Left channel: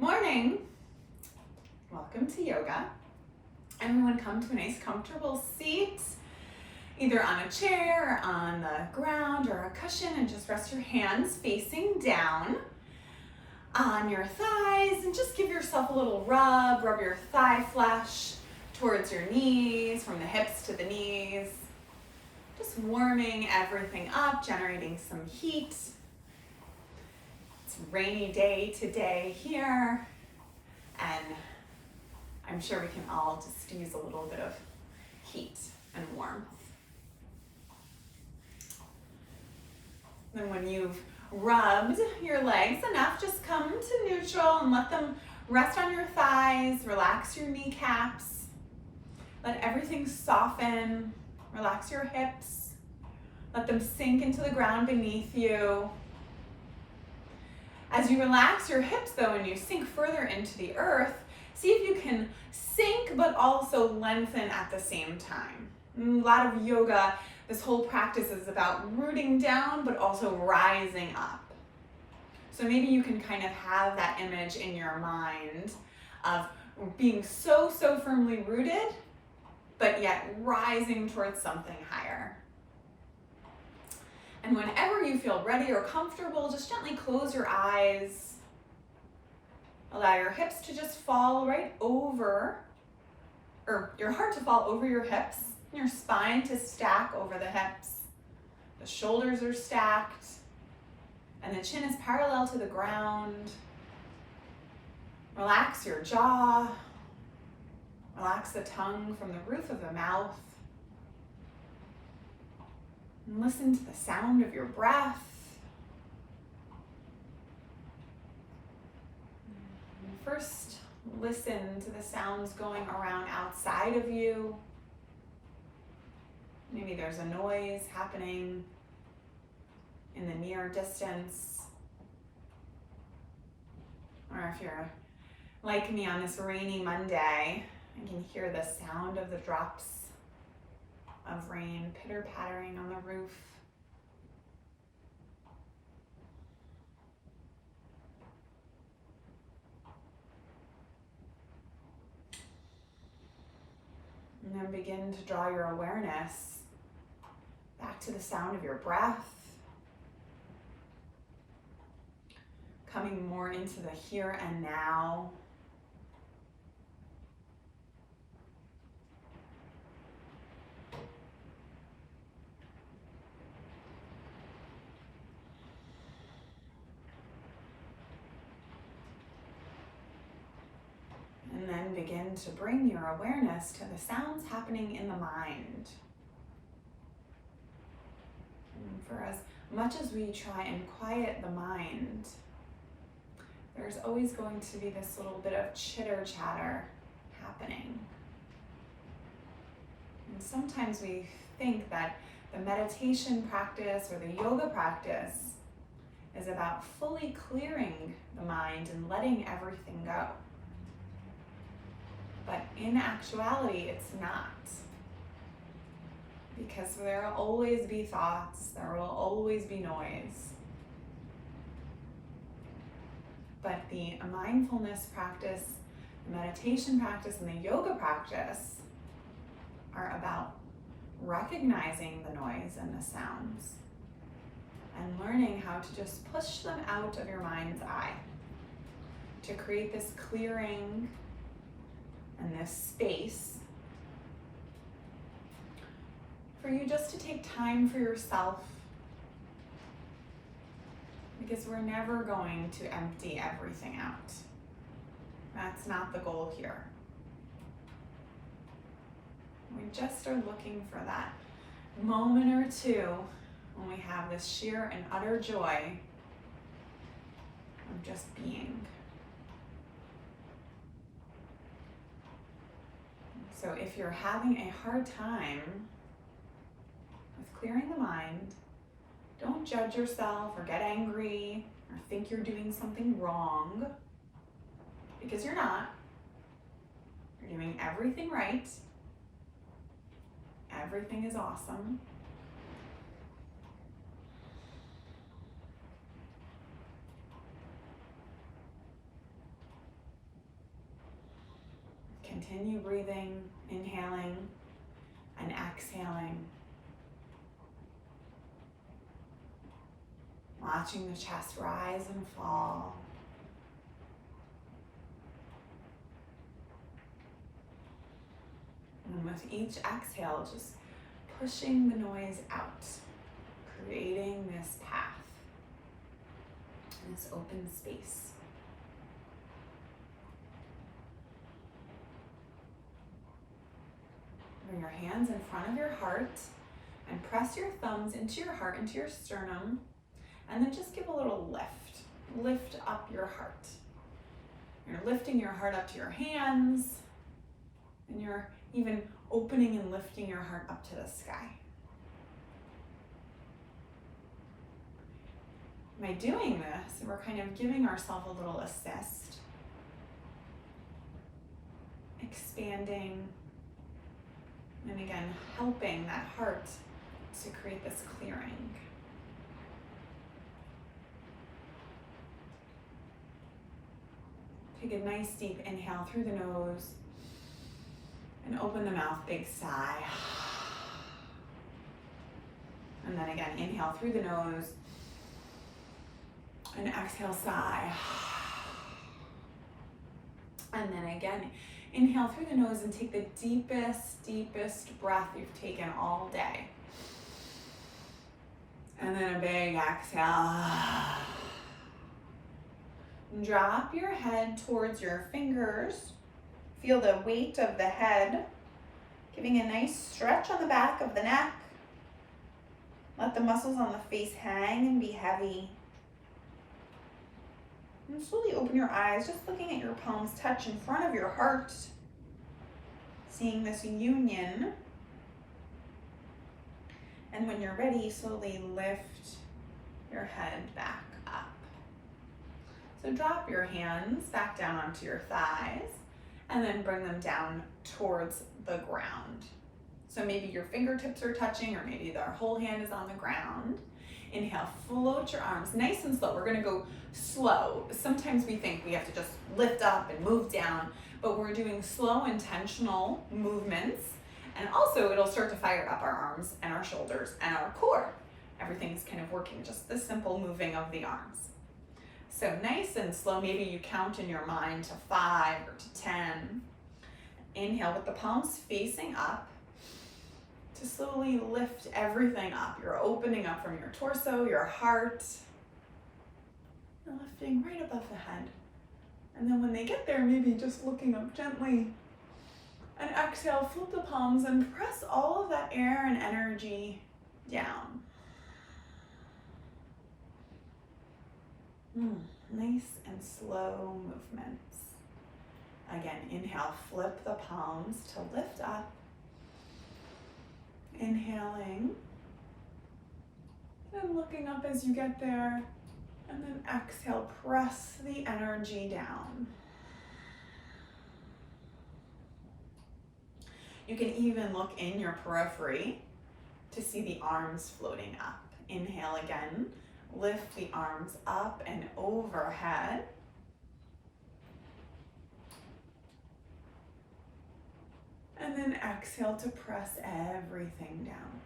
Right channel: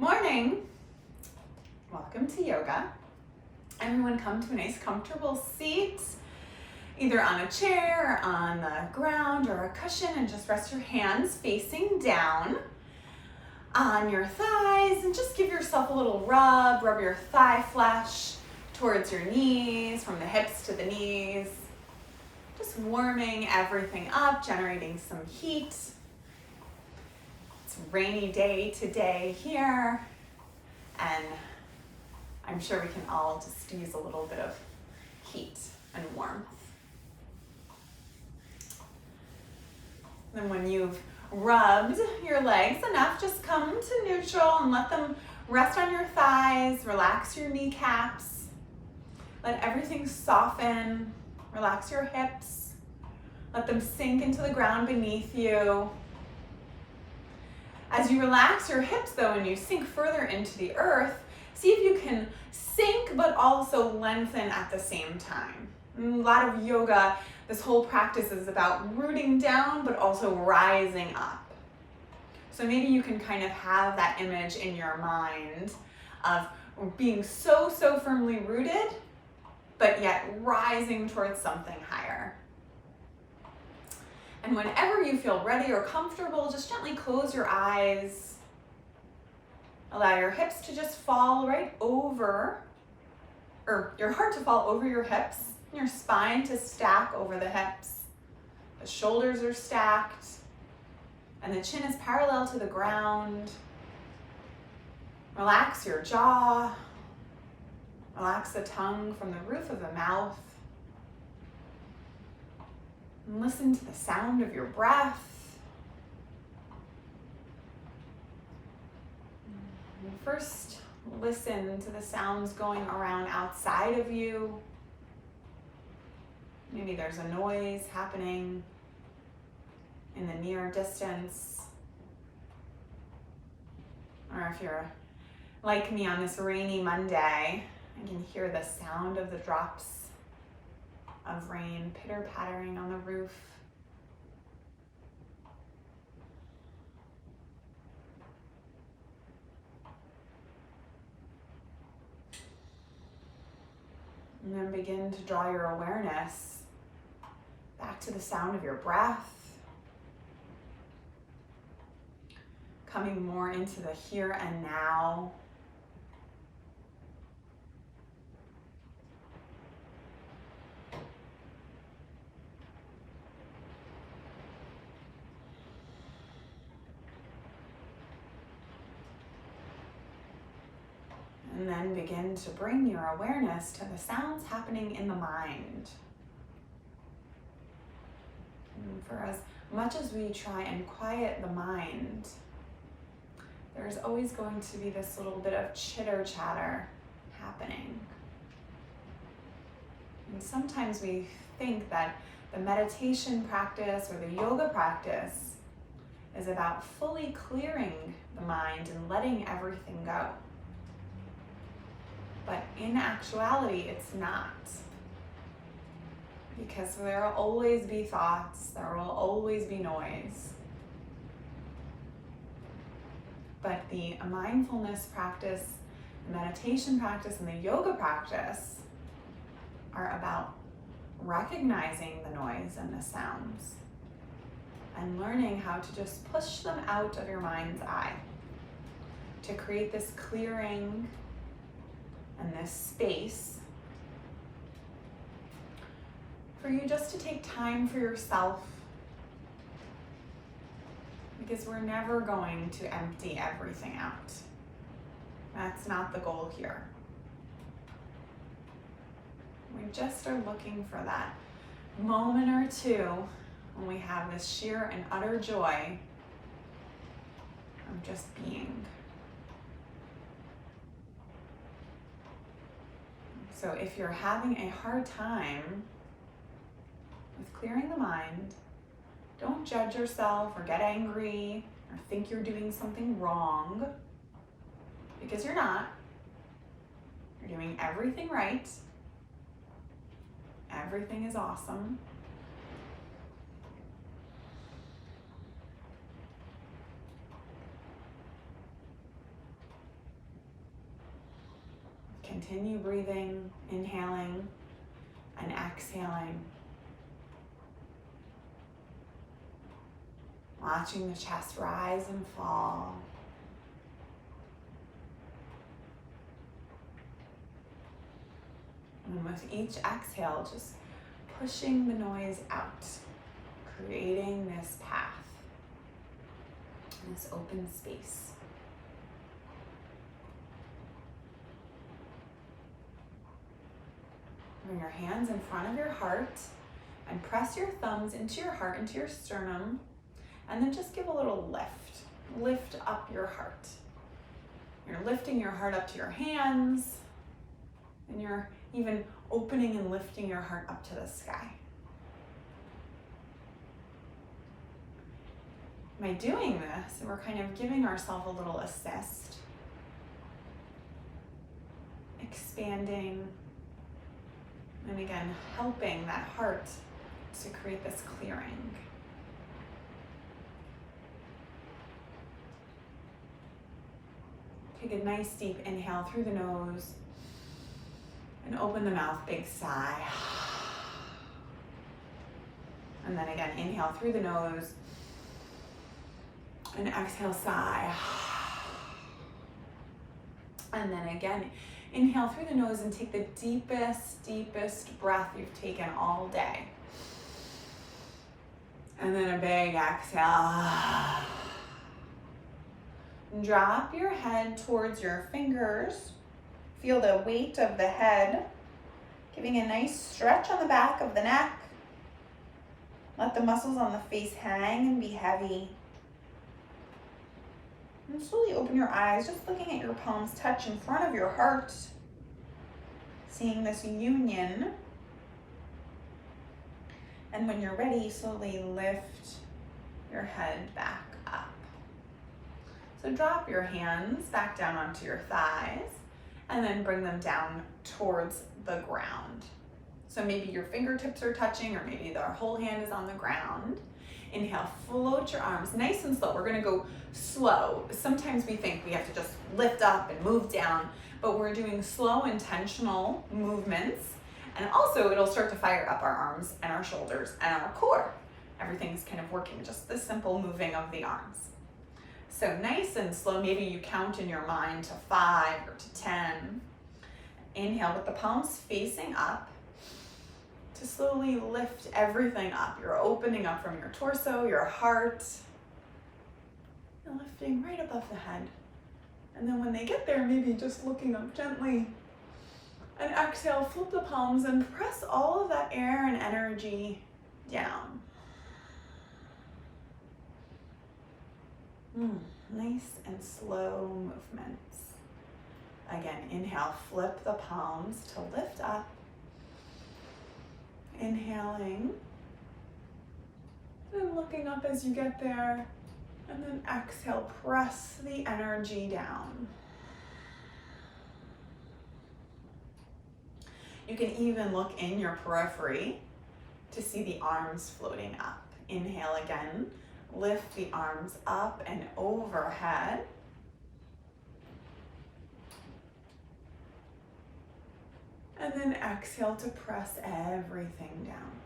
Morning. Welcome to yoga. Everyone come to a nice comfortable seat, either on a chair, on the ground, or a cushion, and just rest your hands facing down on your thighs and just give yourself a little rub. Rub your thigh flesh towards your knees, from the hips to the knees. Just warming everything up, generating some heat. It's a rainy day today here, and I'm sure we can all just use a little bit of heat and warmth. Then when you've rubbed your legs enough, just come to neutral and let them rest on your thighs. Relax your kneecaps. Let everything soften. Relax your hips. Let them sink into the ground beneath you. As you relax your hips though, and you sink further into the earth, see if you can sink but also lengthen at the same time. In a lot of yoga, this whole practice is about rooting down but also rising up. So maybe you can kind of have that image in your mind of being so firmly rooted, but yet rising towards something higher. And whenever you feel ready or comfortable, just gently close your eyes. Allow your hips to just fall right over, or your heart to fall over your hips, and your spine to stack over the hips. The shoulders are stacked, and the chin is parallel to the ground. Relax your jaw. Relax the tongue from the roof of the mouth. And listen to the sound of your breath. And first, listen to the sounds going around outside of you. Maybe there's a noise happening in the near distance. Or if you're like me on this rainy Monday, I can hear the sound of the drops of rain pitter-pattering on the roof. And then begin to draw your awareness back to the sound of your breath, coming more into the here and now. And then begin to bring your awareness to the sounds happening in the mind. And for as much as we try and quiet the mind, there's always going to be this little bit of chitter chatter happening. And sometimes we think that the meditation practice or the yoga practice is about fully clearing the mind and letting everything go. But in actuality, it's not. Because there will always be thoughts, there will always be noise. But the mindfulness practice, the meditation practice, and the yoga practice are about recognizing the noise and the sounds and learning how to just push them out of your mind's eye to create this clearing and this space for you just to take time for yourself, because we're never going to empty everything out. That's not the goal here. We just are looking for that moment or two when we have this sheer and utter joy of just being. So if you're having a hard time with clearing the mind, don't judge yourself or get angry or think you're doing something wrong, because you're not. You're doing everything right. Everything is awesome. continue breathing, inhaling and exhaling. Watching the chest rise and fall. And with each exhale, just pushing the noise out, creating this path, this open space. Bring your hands in front of your heart and press your thumbs into your heart, into your sternum, and then just give a little lift. Lift up your heart. You're lifting your heart up to your hands, and you're even opening and lifting your heart up to the sky. By doing this, we're kind of giving ourselves a little assist, expanding, and again, helping that heart to create this clearing. Take a nice deep inhale through the nose and open the mouth, big sigh. And then again, inhale through the nose and exhale, sigh. And then again, inhale through the nose and take the deepest breath you've taken all day. And then a big exhale. Drop your head towards your fingers. Feel the weight of the head, giving a nice stretch on the back of the neck. Let the muscles on the face hang and be heavy. And slowly open your eyes, just looking at your palms touch in front of your heart. Seeing this union. And when you're ready, slowly lift your head back up. So drop your hands back down onto your thighs and then bring them down towards the ground. So maybe your fingertips are touching, or maybe the whole hand is on the ground. Inhale, float your arms nice and slow. We're gonna go slow. Sometimes we think we have to just lift up and move down, but we're doing slow, intentional movements. And also it'll start to fire up our arms and our shoulders and our core. Everything's kind of working, just the simple moving of the arms. So nice and slow, maybe you count in your mind to 5 or to 10. Inhale with the palms facing up to slowly lift everything up. You're opening up from your torso, your heart, and lifting right above the head. And then when they get there, maybe just looking up gently. And exhale, flip the palms and press all of that air and energy down. Nice and slow movements. Again, inhale, flip the palms to lift up. Inhaling and looking up as you get there. And then exhale, press the energy down. You can even look in your periphery to see the arms floating up. Inhale again, lift the arms up and overhead. And then exhale to press everything down.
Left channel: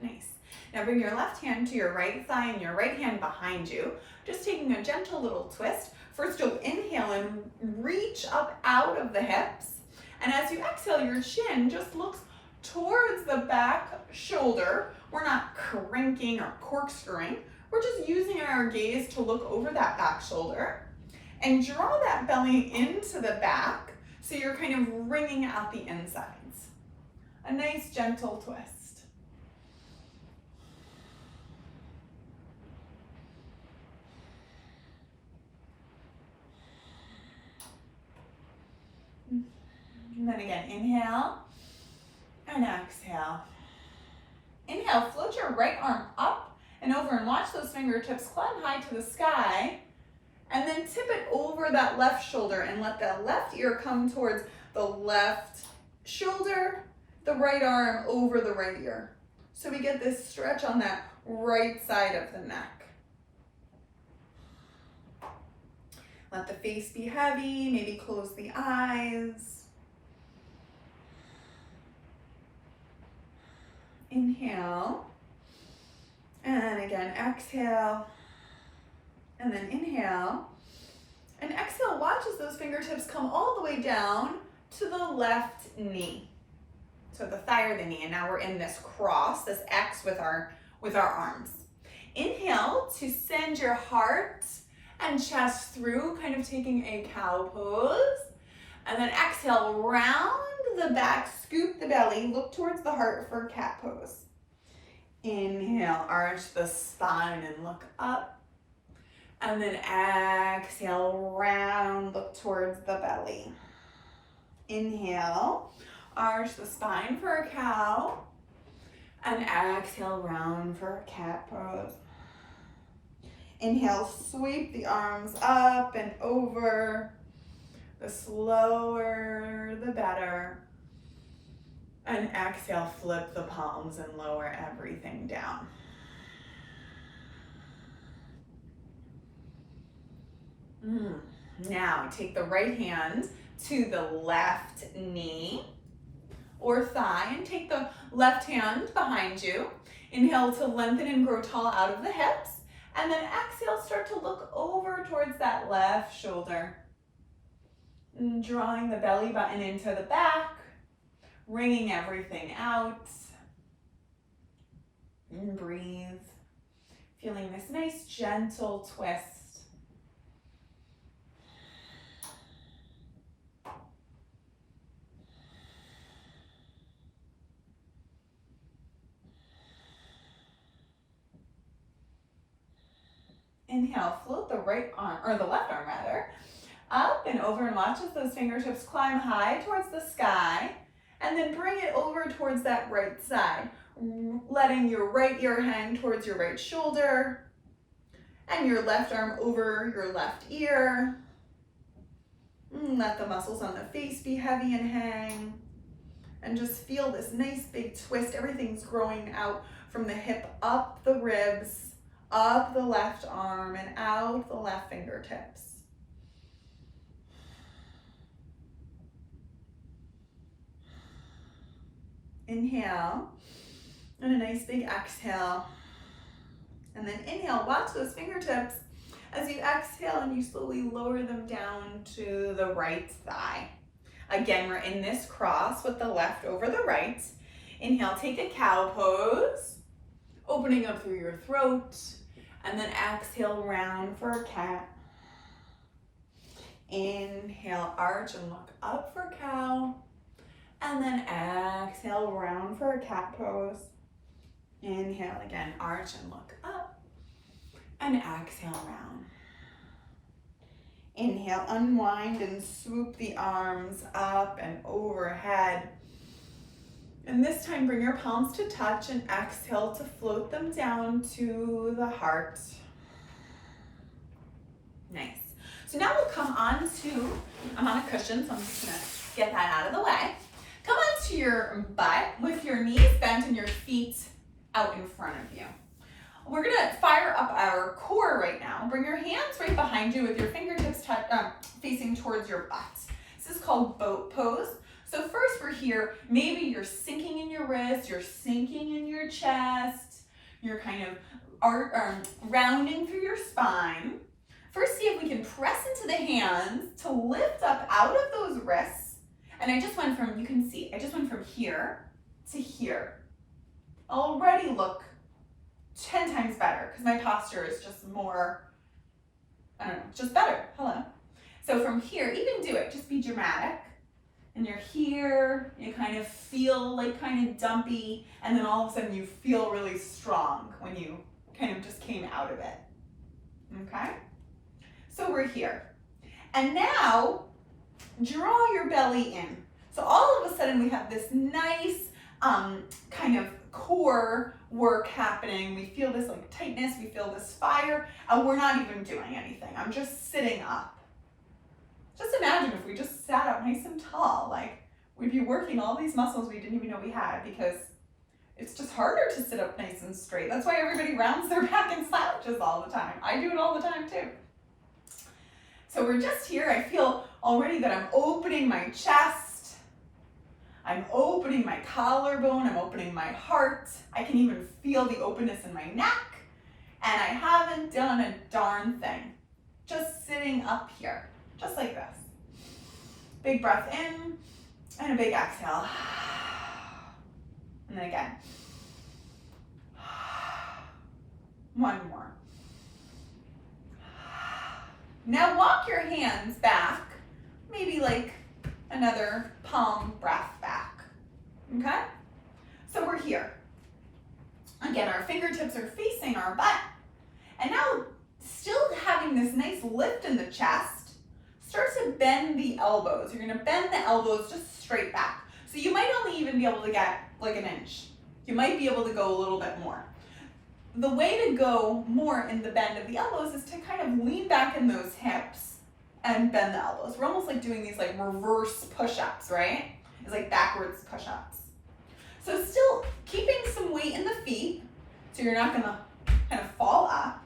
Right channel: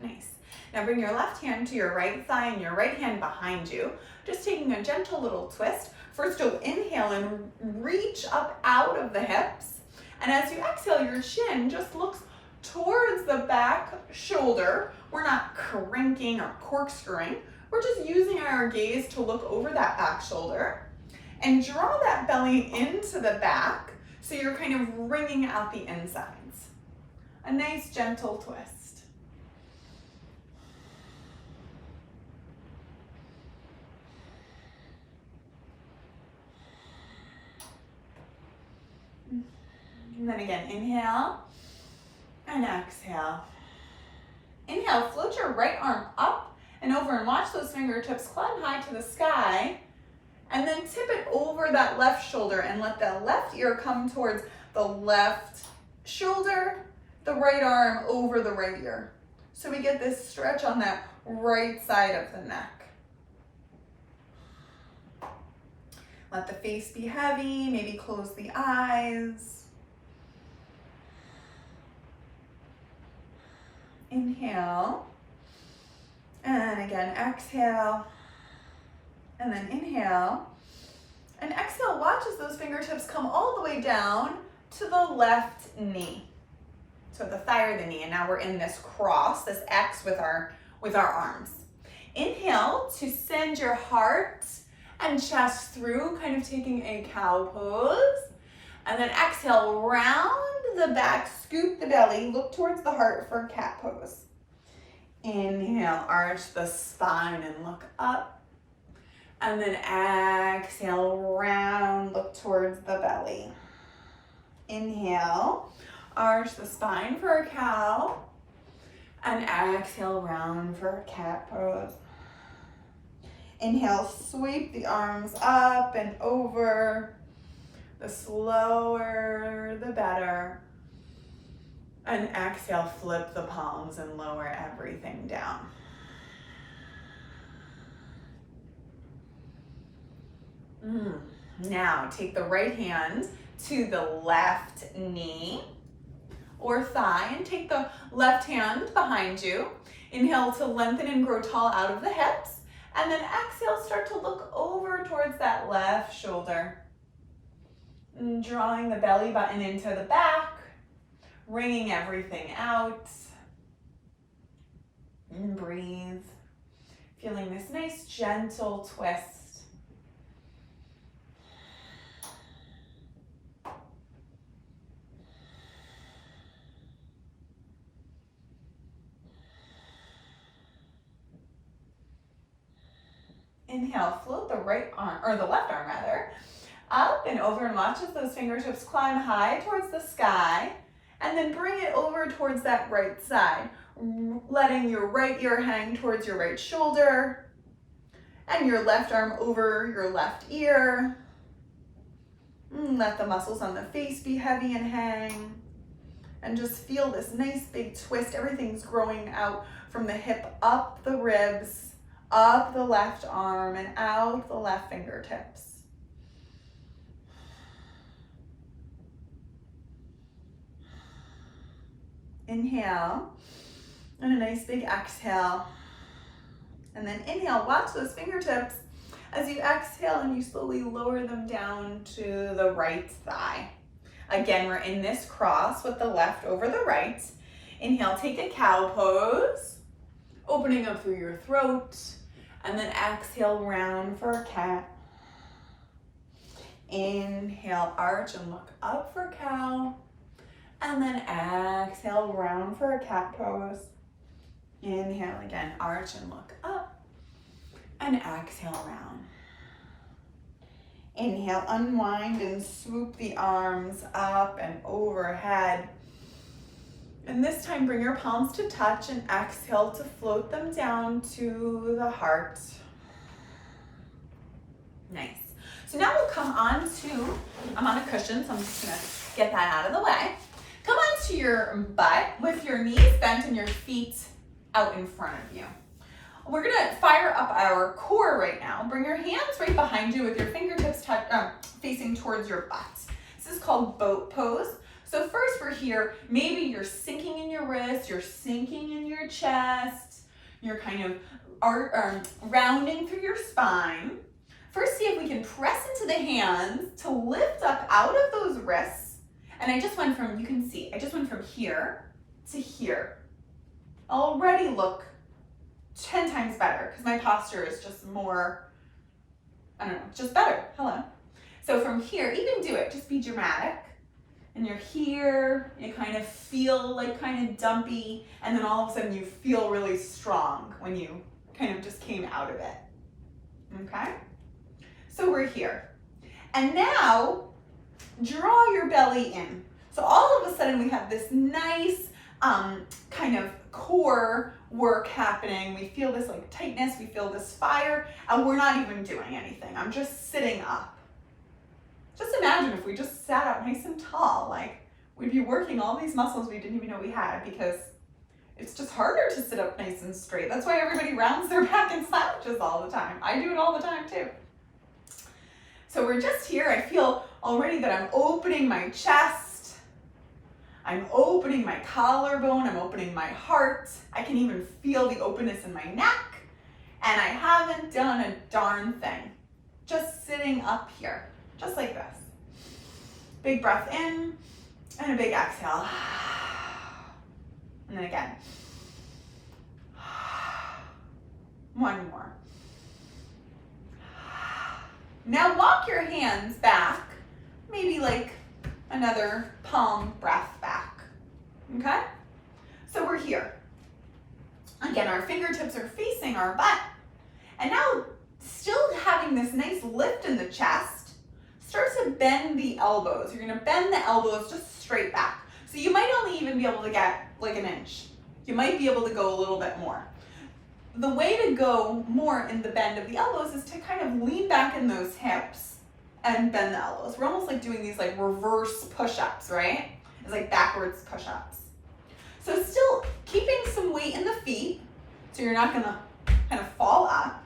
Nice. Now bring your left hand to your right thigh and your right hand behind you. Just taking a gentle little twist. First you'll inhale and reach up out of the hips. And as you exhale, your chin just looks towards the back shoulder. We're not cranking or corkscrewing. We're just using our gaze to look over that back shoulder and draw that belly into the back so you're kind of wringing out the insides. A nice gentle twist. And then again, inhale and exhale. Inhale, float your right arm up and over and watch those fingertips climb high to the sky. And then tip it over that left shoulder and let the left ear come towards the left shoulder, the right arm over the right ear. So we get this stretch on that right side of the neck. Let the face be heavy, maybe close the eyes. Inhale. And again, exhale. And then inhale. And exhale, watch as those fingertips come all the way down to the left knee. So the thigh or the knee, and now we're in this cross, this X with our arms. Inhale to send your heart and chest through, kind of taking a cow pose. And then exhale, round the back, scoop the belly, look towards the heart for cat pose. Inhale, arch the spine and look up. And then exhale, round, look towards the belly. Inhale, arch the spine for a cow. And exhale, round for a cat pose. Inhale, sweep the arms up and over. The slower, the better. And exhale, flip the palms and lower everything down. Now, take the right hand to the left knee or thigh and take the left hand behind you. Inhale to lengthen and grow tall out of the hips. And then exhale, start to look over towards that left shoulder. And drawing the belly button into the back, wringing everything out. And breathe. Feeling this nice gentle twist. Inhale, float the right arm, or the left arm rather, up and over and watch as those fingertips climb high towards the sky, and then bring it over towards that right side, letting your right ear hang towards your right shoulder, and your left arm over your left ear. Let the muscles on the face be heavy and hang, and just feel this nice big twist. Everything's growing out from the hip up the ribs, up the left arm and out the left fingertips. Inhale, and a nice big exhale. And then inhale, watch those fingertips as you exhale and you slowly lower them down to the right thigh. Again, we're in this cross with the left over the right. Inhale, take a cow pose, opening up through your throat. And then exhale, round for a cat. Inhale, arch and look up for cow. And then exhale, round for a cat pose. Inhale again, arch and look up. And exhale, round. Inhale, unwind and swoop the arms up and overhead. And this time, bring your palms to touch and exhale to float them down to the heart. Nice. So now we'll come on to, I'm on a cushion, so I'm just gonna get that out of the way. Come onto your butt with your knees bent and your feet out in front of you. We're gonna fire up our core right now. Bring your hands right behind you with your fingertips facing towards your butt. This is called boat pose. So first we're here, maybe you're sinking in your wrists, you're sinking in your chest, you're kind of rounding through your spine. First, see if we can press into the hands to lift up out of those wrists. And I just went from, you can see, I just went from here to here. Already look 10 times better because my posture is just more, I don't know, just better. Hello. So from here, even do it, just be dramatic. And you're here, you kind of feel like kind of dumpy, and then all of a sudden you feel really strong when you kind of just came out of it, okay? So we're here. And now, draw your belly in. So all of a sudden we have this nice kind of core work happening. We feel this like tightness, we feel this fire, and we're not even doing anything. I'm just sitting up. Just imagine if we just sat up nice and tall, like we'd be working all these muscles we didn't even know we had because it's just harder to sit up nice and straight. That's why everybody rounds their back and slouches all the time. I do it all the time too. So we're just here. I feel already that I'm opening my chest. I'm opening my collarbone. I'm opening my heart. I can even feel the openness in my neck. And I haven't done a darn thing. Just sitting up here, just like this. Big breath in and a big exhale. And then again. One more. Now walk your hands back, maybe like another palm breath back, okay? So we're here. Again, our fingertips are facing our butt. And now, still having this nice lift in the chest, start to bend the elbows. You're gonna bend the elbows just straight back. So you might only even be able to get like an inch. You might be able to go a little bit more. The way to go more in the bend of the elbows is to kind of lean back in those hips and bend the elbows. We're almost like doing these like reverse push-ups, right? It's like backwards push-ups. So still keeping some weight in the feet, so you're not gonna kind of fall up.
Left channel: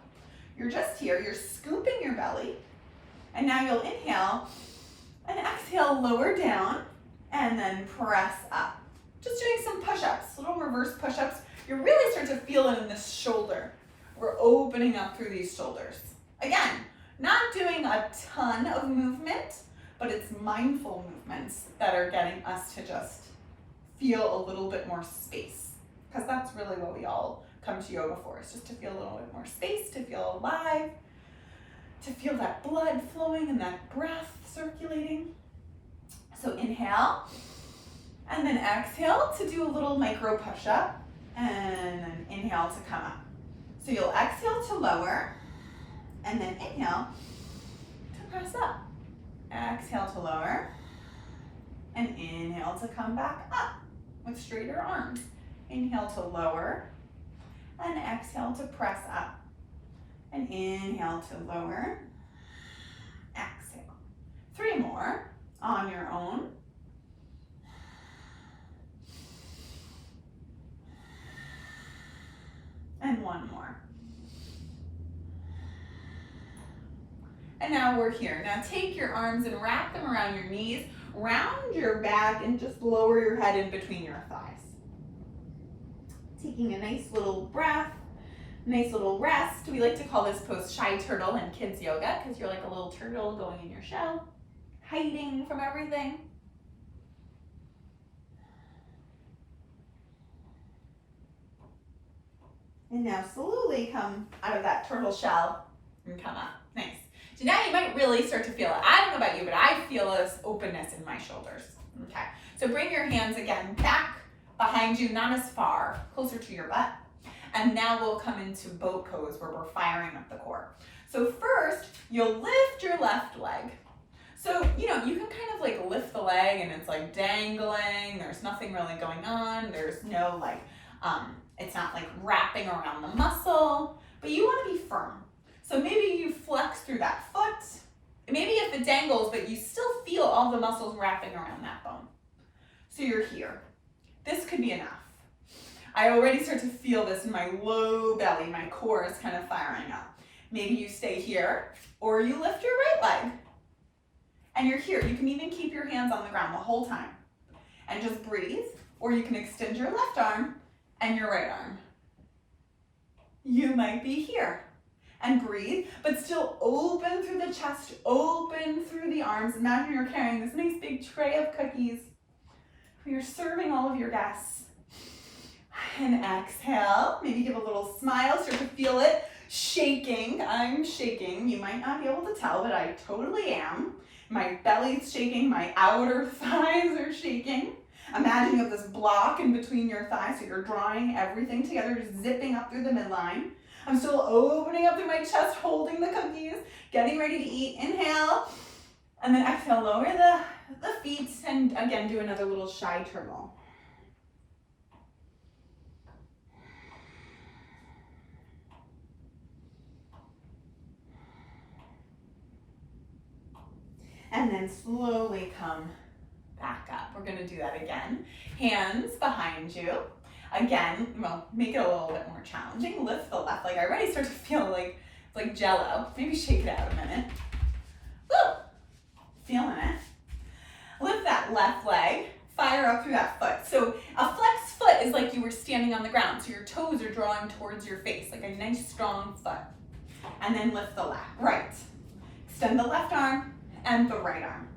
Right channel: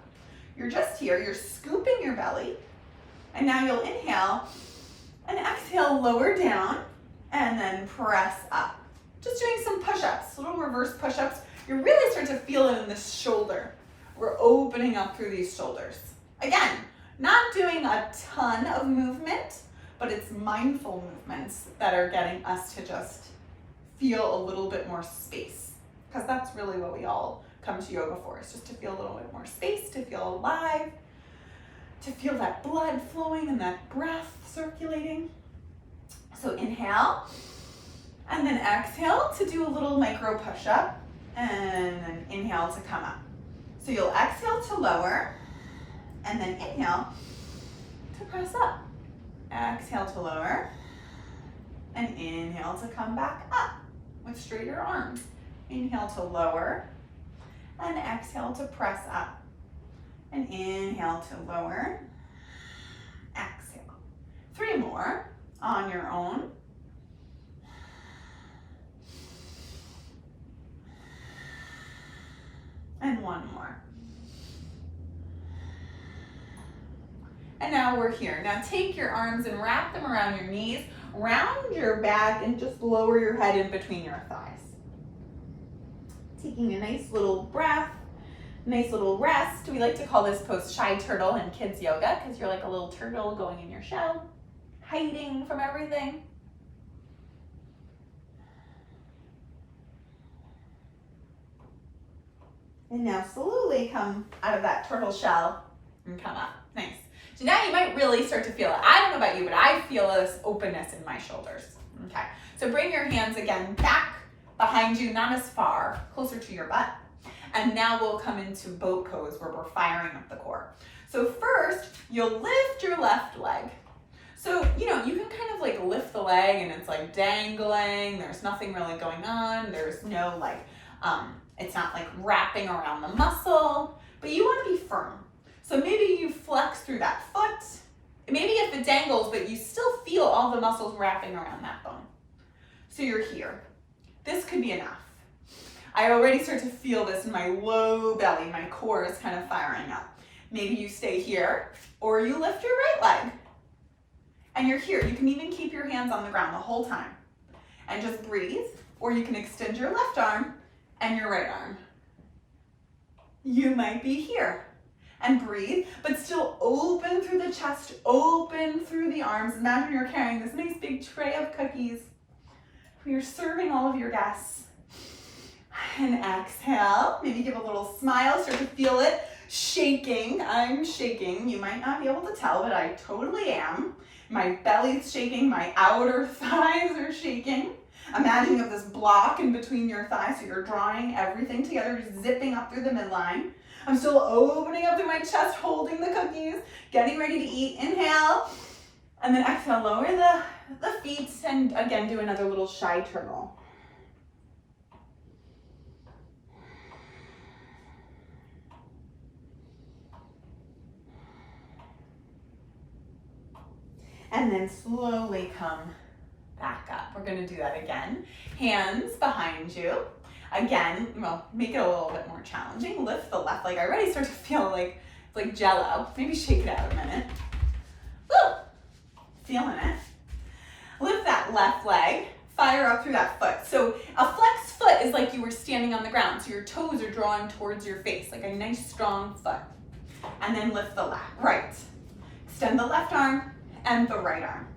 You're just here, you're scooping your belly, and now you'll inhale and exhale, lower down, and then press up. Just doing some push-ups, little reverse push-ups. You really start to feel it in this shoulder. We're opening up through these shoulders. Again, not doing a ton of movement, but it's mindful movements that are getting us to just feel a little bit more space. Because that's really what we all come to yoga for, is just to feel a little bit more space, to feel alive, to feel that blood flowing and that breath circulating. So inhale, and then exhale to do a little micro push-up. And then inhale to come up. So you'll exhale to lower, and then inhale to press up. Exhale to lower, and inhale to come back up with straighter arms. Inhale to lower, and exhale to press up. And inhale to lower, exhale. 3 more on your own. And 1 more. And now we're here. Now take your arms and wrap them around your knees, round your back, and just lower your head in between your thighs. Taking a nice little breath, nice little rest. We like to call this pose shy turtle in kids yoga, because you're like a little turtle going in your shell, hiding from everything. And now slowly come out of that turtle shell and come up. Nice. So now you might really start to feel it. I don't know about you, but I feel this openness in my shoulders. Okay. So bring your hands again back behind you, not as far, closer to your butt. And now we'll come into boat pose where we're firing up the core. So first, you'll lift your left leg. So, you can kind of like lift the leg and it's like dangling. There's nothing really going on. There's no like, it's not like wrapping around the muscle, but you want to be firm. So maybe you flex through that foot. Maybe if it dangles, but you still feel all the muscles wrapping around that bone. So you're here. This could be enough. I already start to feel this in my low belly. My core is kind of firing up. Maybe you stay here, or you lift your right leg. And you're here. You can even keep your hands on the ground the whole time. And just breathe, or you can extend your left arm and your right arm. You might be here. And breathe, but still open through the chest, open through the arms. Imagine you're carrying this nice big tray of cookies where you're serving all of your guests. And exhale, maybe give a little smile, start to feel it shaking. I'm shaking. You might not be able to tell, but I totally am. My belly's shaking, my outer thighs are shaking. Imagine you have this block in between your thighs, so you're drawing everything together, just zipping up through the midline. I'm still opening up through my chest, holding the cookies, getting ready to eat. Inhale, and then exhale, lower the feet, and again, do another little shy turtle. And then slowly come back up. We're gonna do that again. Hands behind you. Again, well, make it a little bit more challenging. Lift the left leg. I already start to feel like it's like jello. Maybe shake it out a minute. Woo! feeling it. Lift that left leg, fire up through that foot. So a flexed foot is like you were standing on the ground, so your toes are drawing towards your face, like a nice strong foot. And then lift the left, right. Extend the left arm and the right arm.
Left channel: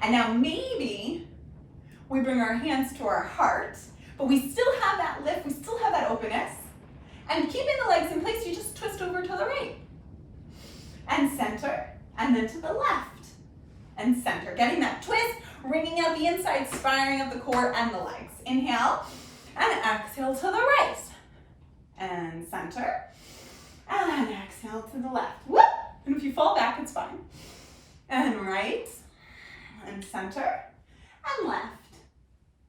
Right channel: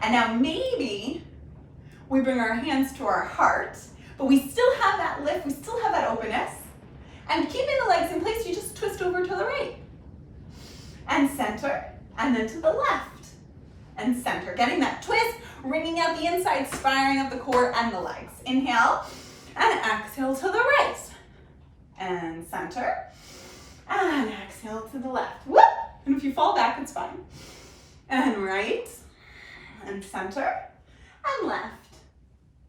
And now maybe we bring our hands to our heart, but we still have that lift, we still have that openness. And keeping the legs in place, you just twist over to the right. And center, and then to the left. And center, getting that twist, wringing out the insides, firing up the core and the legs. Inhale, and exhale to the right. And center, and exhale to the left. Whoop! And if you fall back, it's fine. And right, and center, and left,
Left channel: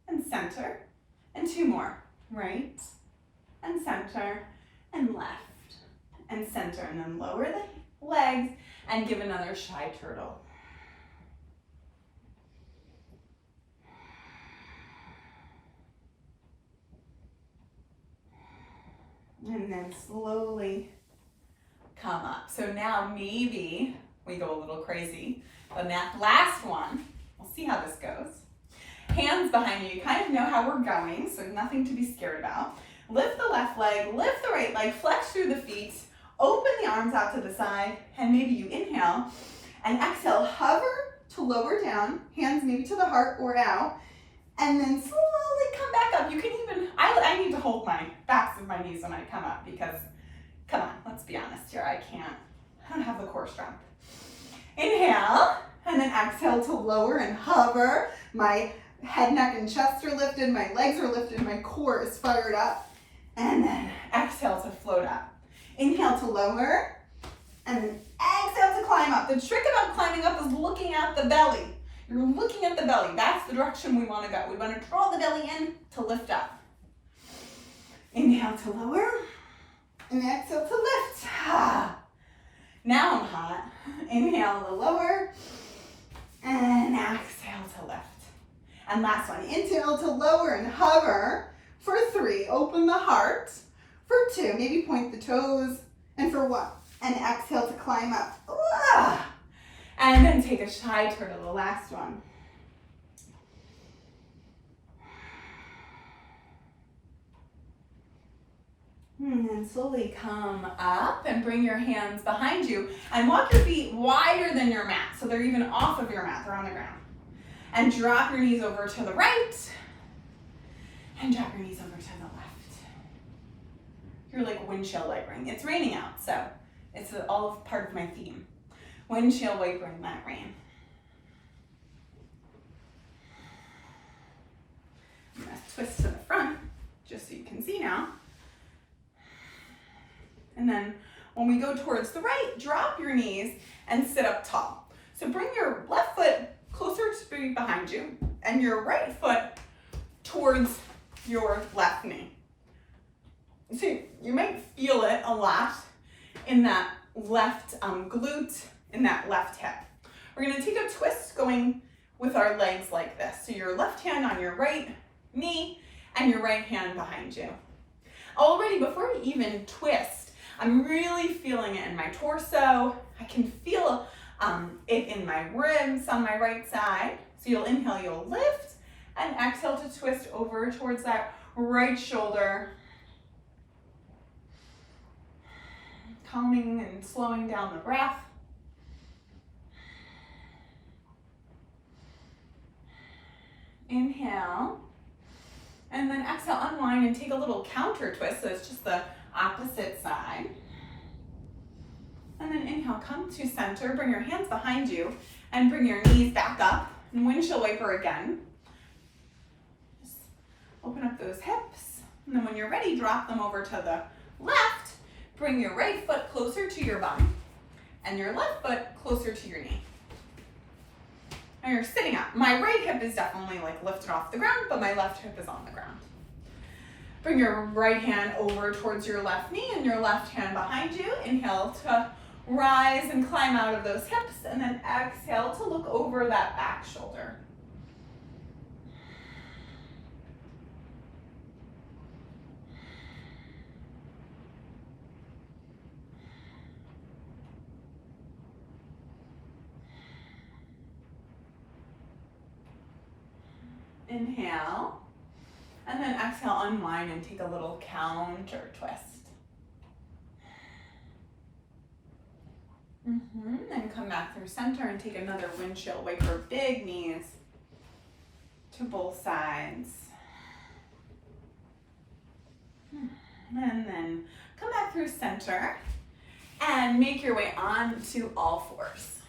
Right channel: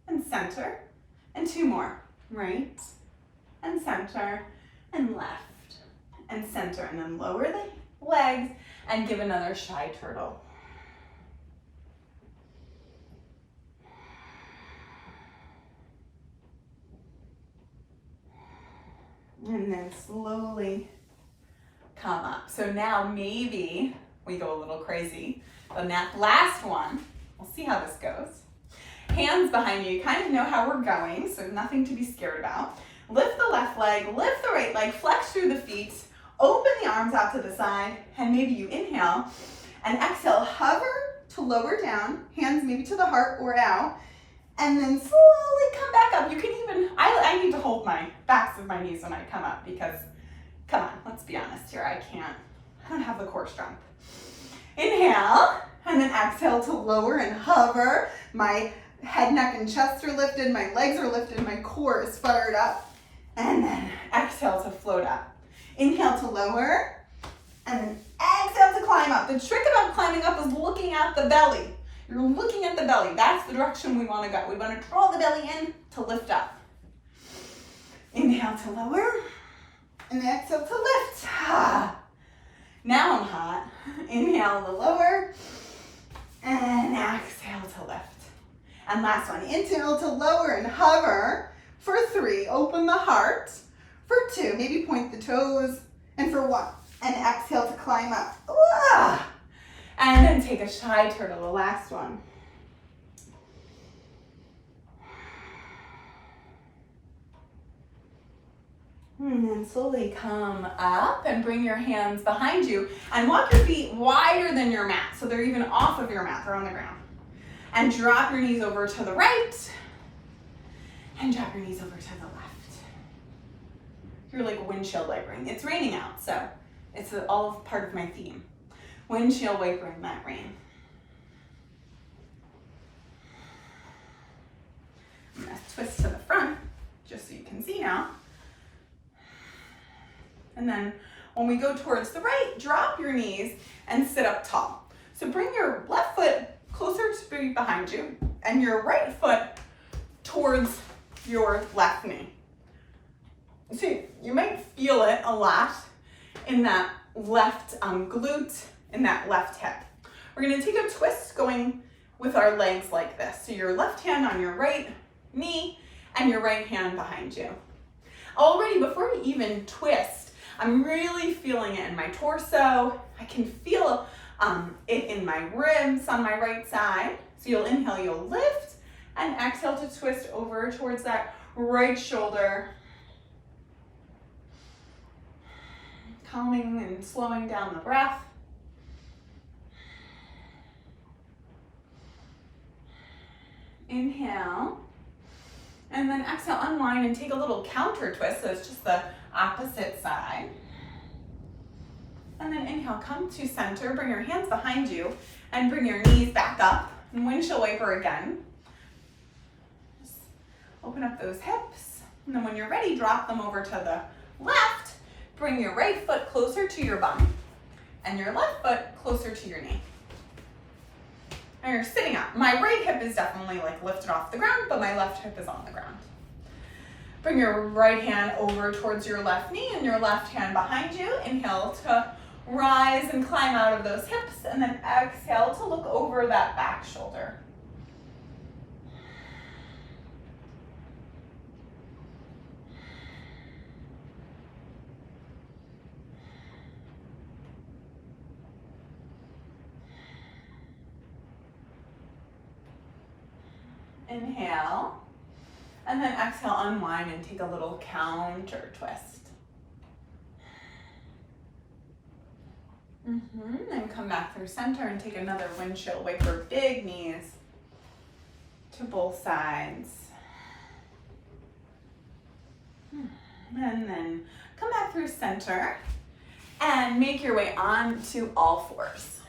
and center, and two more. Right, and center, and left, and center, and then lower the legs, and give another shy turtle. And then slowly come up. So now maybe we go a little crazy. The last one, we'll see how this goes. Hands behind you, you kind of know how we're going, so nothing to be scared about. Lift the left leg, lift the right leg, flex through the feet, open the arms out to the side, and maybe you inhale, and exhale, hover to lower down, hands maybe to the heart or out, and then slowly come back up. You can even, I need to hold my backs of my knees when I come up because, come on, let's be honest here, I don't have the core strength. Inhale, and then exhale to lower and hover. My head, neck, and chest are lifted, my legs are lifted, my core is fired up. And then exhale to float up. Inhale to lower, and then exhale to climb up. The trick about climbing up is looking at the belly. You're looking at the belly. That's the direction we want to go. We want to draw the belly in to lift up. Inhale to lower, and exhale to lift. Now I'm hot. Inhale to lower, and exhale to lift. And last one, inhale to lower and hover. For 3, open the heart. For 2, maybe point the toes. And for 1, and exhale to climb up. And then take a shy turtle, the last one. And then slowly come up and bring your hands behind you and walk your feet wider than your mat. So they're even off of your mat, they're on the ground. And drop your knees over to the right and drop your knees over to the left. You're like windshield wipering. It's raining out, so it's all part of my theme. Windshield wipering that rain. I'm gonna twist to the front, just so you can see now. And then when we go towards the right, drop your knees and sit up tall. So bring your left foot closer to behind you and your right foot towards your left knee. So you might feel it a lot in that left glute, in that left hip. We're gonna take a twist going with our legs like this. So your left hand on your right knee and your right hand behind you. Already before we even twist, I'm really feeling it in my torso. I can feel it in my ribs on my right side. So you'll inhale, you'll lift, and exhale to twist over towards that right shoulder. Calming and slowing down the breath. Inhale, and then exhale, unwind and take a little counter twist, so it's just the opposite side. And then inhale, come to center, bring your hands behind you, and bring your knees back up, and windshield wiper again. Just open up those hips, and then when you're ready, drop them over to the left, bring your right foot closer to your bum, and your left foot closer to your knee. Now you're sitting up. My right hip is definitely like lifted off the ground, but my left hip is on the ground. Bring your right hand over towards your left knee and your left hand behind you. Inhale to rise and climb out of those hips, and then exhale to look over that back shoulder. Inhale. And then exhale, unwind and take a little counter twist. Then come back through center and take another windshield wiper, big knees to both sides. And then come back through center and make your way on to all fours.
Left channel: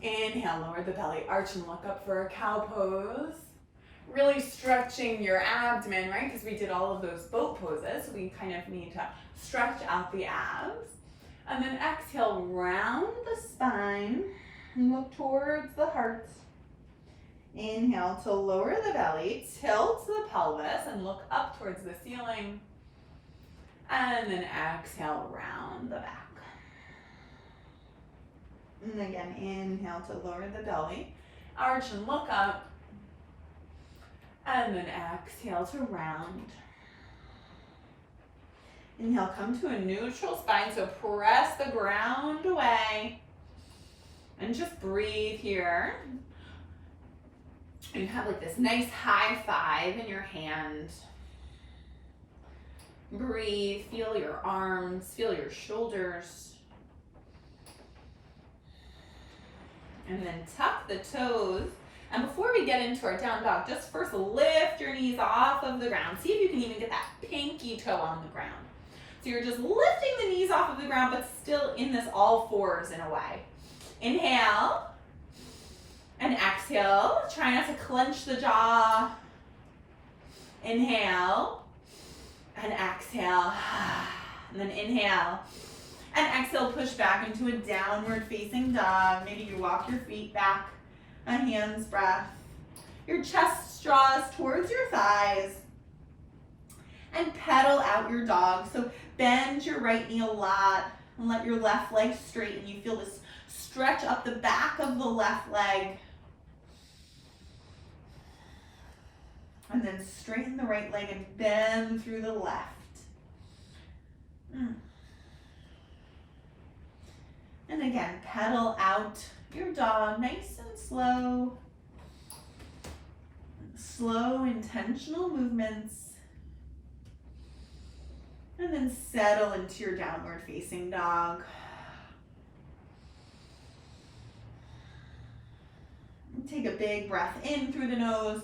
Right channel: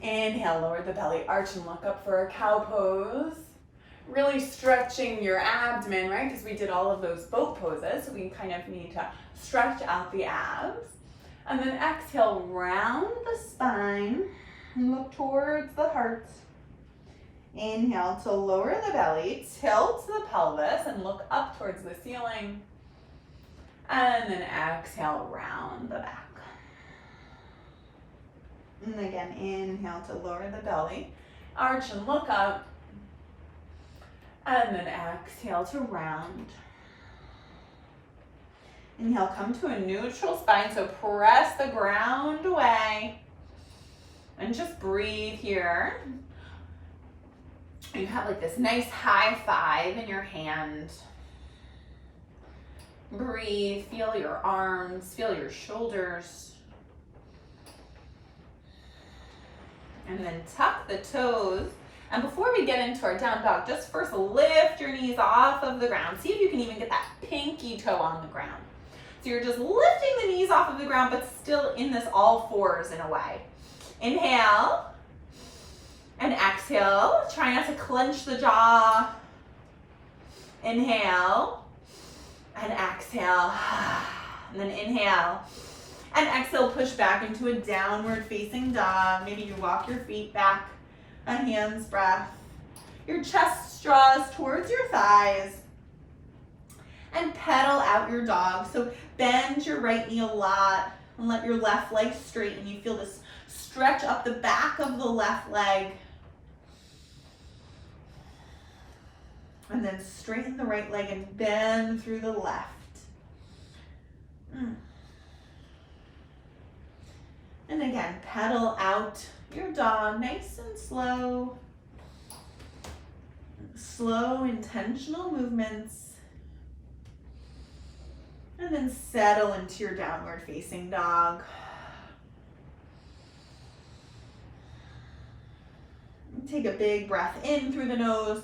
Inhale, lower the belly, arch and look up for a cow pose. Really stretching your abdomen, right? Because we did all of those boat poses. We kind of need to stretch out the abs. And then exhale, round the spine and look towards the heart. Inhale to lower the belly, tilt the pelvis and look up towards the ceiling. And then exhale, round the back. And again, inhale to lower the belly, arch and look up. And then exhale to round. Inhale, come to a neutral spine, so press the ground away. And just breathe here. You have like this nice high five in your hand. Breathe, feel your arms, feel your shoulders. And then tuck the toes. And before we get into our down dog, just first lift your knees off of the ground. See if you can even get that pinky toe on the ground. So you're just lifting the knees off of the ground, but still in this all fours in a way. Inhale. And exhale. Try not to clench the jaw. Inhale. And exhale. And then inhale. And exhale, push back into a downward facing dog. Maybe you walk your feet back. A hand's breath. Your chest draws towards your thighs. And pedal out your dog. So bend your right knee a lot and let your left leg straighten. You feel this stretch up the back of the left leg. And then straighten the right leg and bend through the left. And again, pedal out your dog, nice and slow. Slow, intentional movements. And then settle into your downward facing dog. Take a big breath in through the nose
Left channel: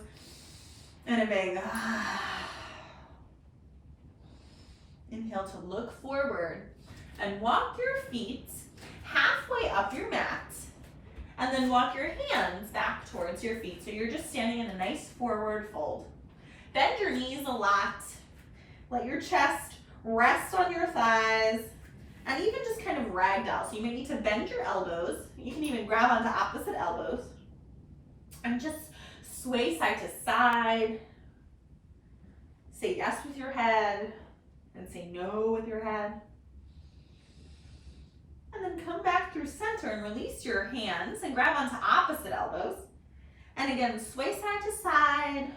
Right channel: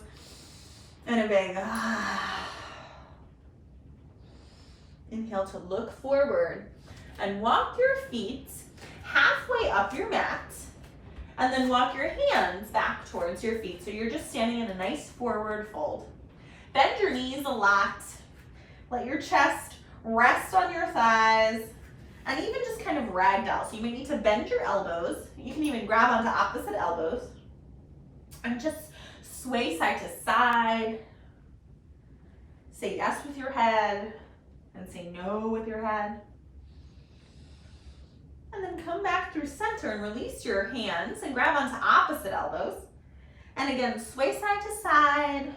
and a big inhale to look forward and walk your feet halfway up your mat. And then walk your hands back towards your feet. So you're just standing in a nice forward fold. Bend your knees a lot. Let your chest rest on your thighs. And even just kind of ragdoll. So you may need to bend your elbows. You can even grab onto opposite elbows. And just sway side to side. Say yes with your head. And say no with your head. And then come back through center and release your hands and grab onto opposite elbows. And again, sway side to side.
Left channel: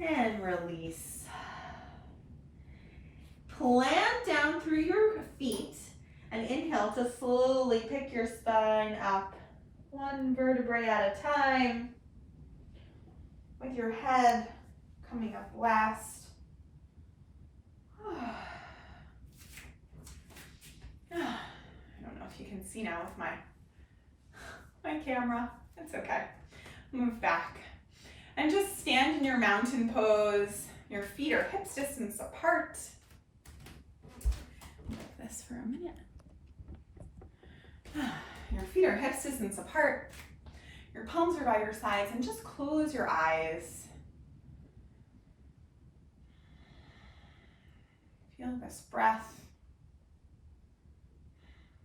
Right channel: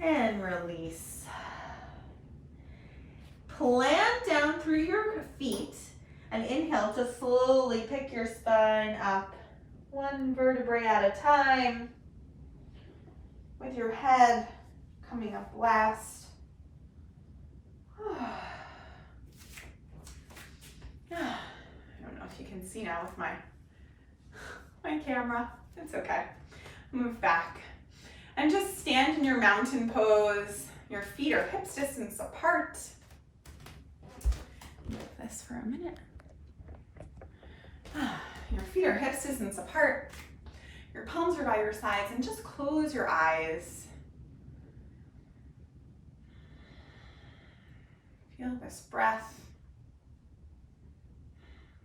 And release. Plant down through your feet and inhale to slowly pick your spine up, one vertebrae at a time, with your head coming up last. I don't know if you can see now with my camera. It's okay. Move back. And just stand in your mountain pose. Your feet are hips distance apart. Move this for a minute. Your feet are hips distance apart. Your palms are by your sides, and just close your eyes. Feel this breath.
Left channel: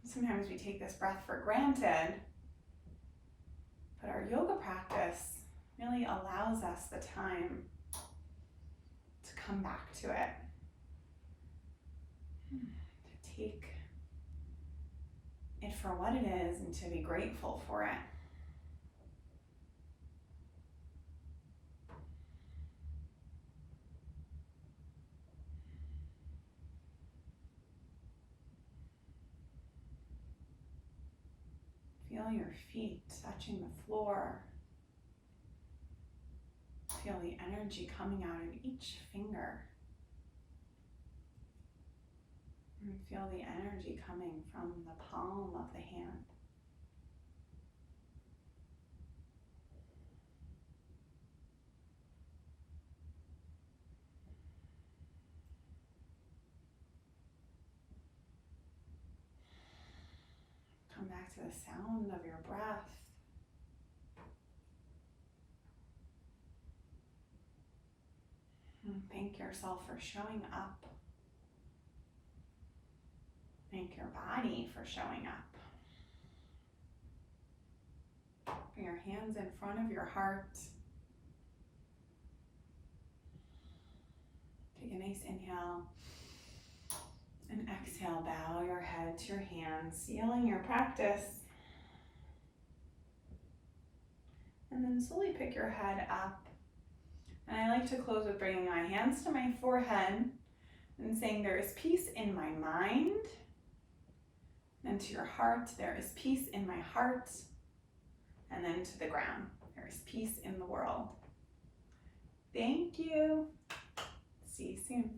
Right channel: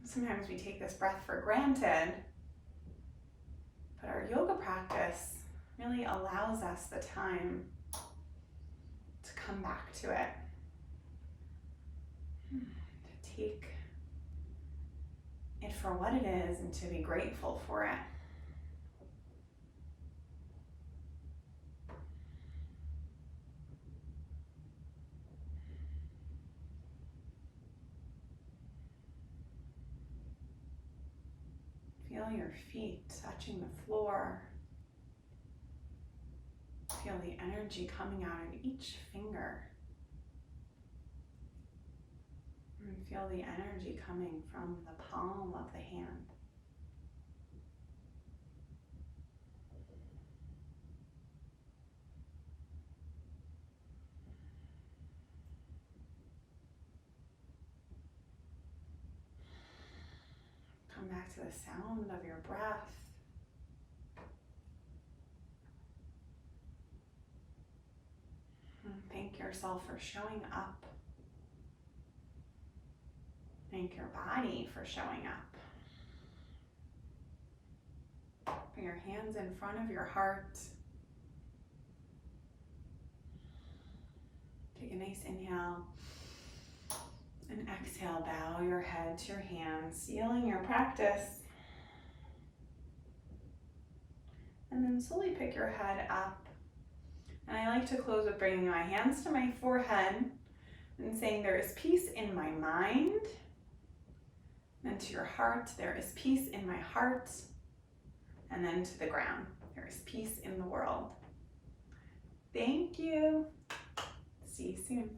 Sometimes we take this breath for granted, but our yoga practice really allows us the time to come back to it, to take it for what it is and to be grateful for it. Feel your feet touching the floor. Feel the energy coming out of each finger. And feel the energy coming from the palm of the hand. Come back to the sound of your breath. And thank yourself for showing up. Thank your body for showing up. Bring your hands in front of your heart. Take a nice inhale. And exhale, bow your head to your hands, sealing your practice. And then slowly pick your head up. And I like to close with bringing my hands to my forehead and saying, there is peace in my mind. And to your heart, there is peace in my heart. And then to the ground, there is peace in the world. Thank you. See you soon.